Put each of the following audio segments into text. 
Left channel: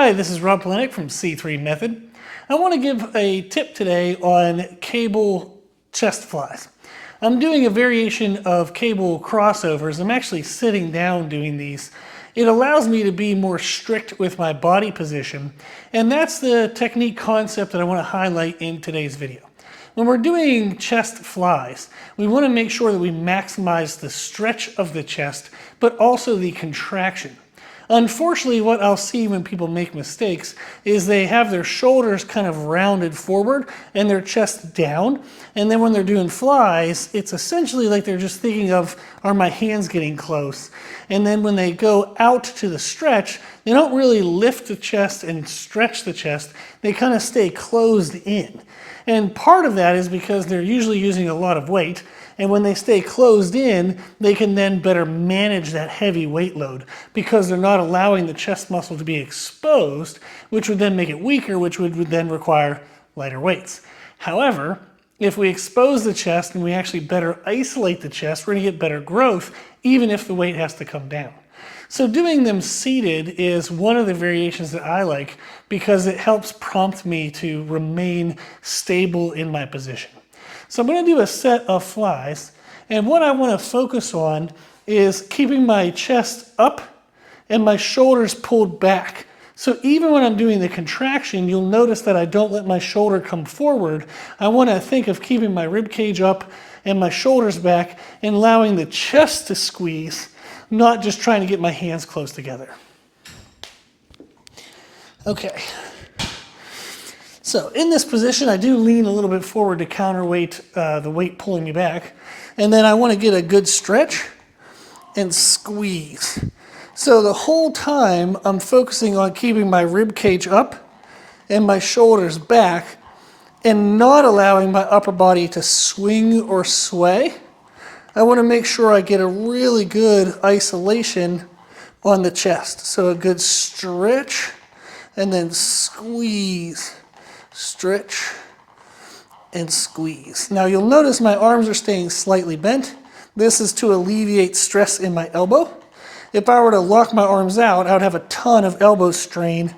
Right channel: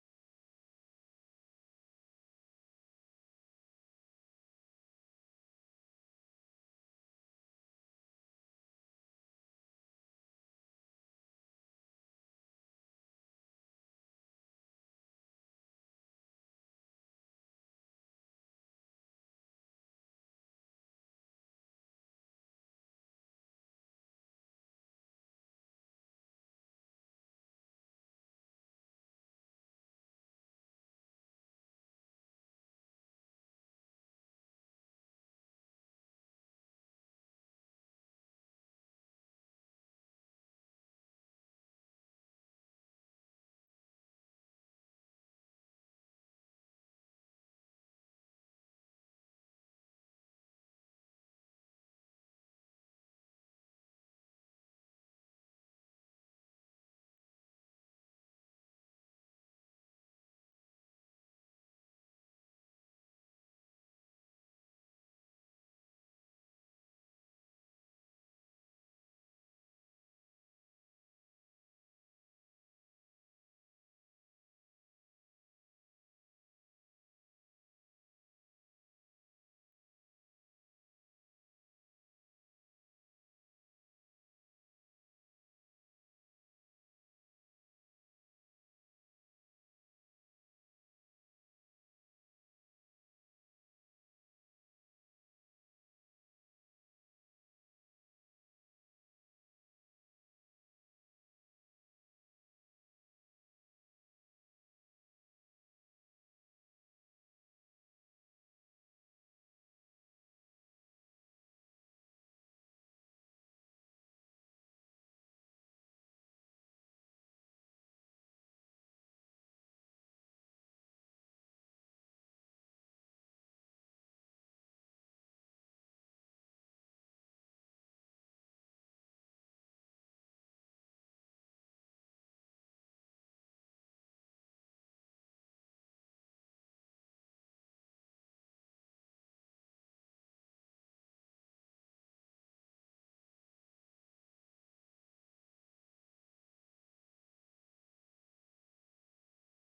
Hi, this is Rob Polenik from C3 Method. I want to give a tip today on cable chest flies. I'm doing a variation of cable crossovers. I'm actually sitting down doing these. It allows me to be more strict with my body position, and that's the technique concept that I want to highlight in today's video. When we're doing chest flies, we want to make sure that we maximize the stretch of the chest, but also the contraction. Unfortunately, what I'll see when people make mistakes is they have their shoulders kind of rounded forward and their chest down. And then when they're doing flies, it's essentially like they're just thinking of, are my hands getting close? And then when they go out to the stretch, they don't really lift the chest and stretch the chest. They kind of stay closed in. And part of that is because they're usually using a lot of weight. And when they stay closed in, they can then better manage that heavy weight load because they're not allowing the chest muscle to be exposed, which would then make it weaker, which would then require lighter weights. However, if we expose the chest and we actually better isolate the chest, we're going to get better growth, even if the weight has to come down. So doing them seated is one of the variations that I like because it helps prompt me to remain stable in my position. So I'm going to do a set of flies, and what I want to focus on is keeping my chest up and my shoulders pulled back. So even when I'm doing the contraction, you'll notice that I don't let my shoulder come forward. I want to think of keeping my rib cage up and my shoulders back and allowing the chest to squeeze, not just trying to get my hands close together. Okay. So in this position, I do lean a little bit forward to counterweight the weight pulling me back. And then I want to get a good stretch and squeeze. So the whole time I'm focusing on keeping my rib cage up and my shoulders back and not allowing my upper body to swing or sway. I want to make sure I get a really good isolation on the chest. So a good stretch and then squeeze. Stretch and squeeze. Now you'll notice my arms are staying slightly bent. This is to alleviate stress in my elbow. If I were to lock my arms out, I would have a ton of elbow strain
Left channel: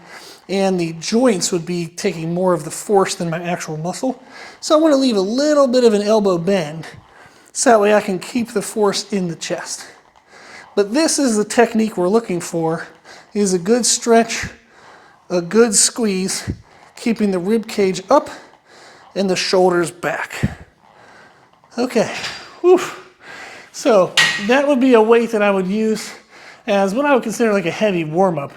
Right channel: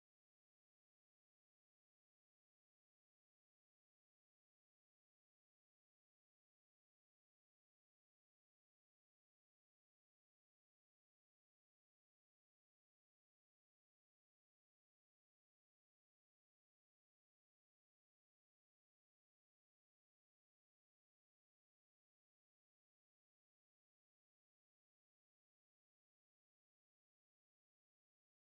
and the joints would be taking more of the force than my actual muscle. So I want to leave a little bit of an elbow bend so that way I can keep the force in the chest. But this is the technique we're looking for, is a good stretch, a good squeeze, keeping the rib cage up and the shoulders back. Okay, whew. So that would be a weight that I would use as what I would consider like a heavy warm-up.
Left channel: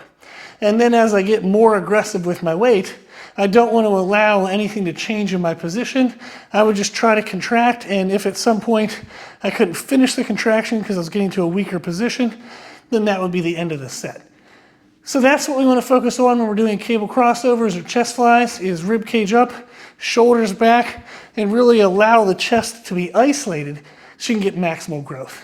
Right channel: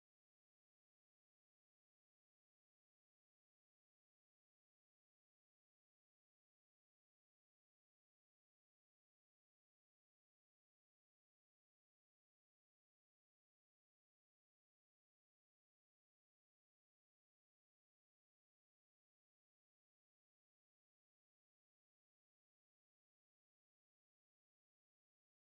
And then as I get more aggressive with my weight, I don't want to allow anything to change in my position. I would just try to contract, and if at some point I couldn't finish the contraction because I was getting to a weaker position, then that would be the end of the set. So that's what we want to focus on when we're doing cable crossovers or chest flies, is rib cage up, shoulders back, and really allow the chest to be isolated so you can get maximal growth.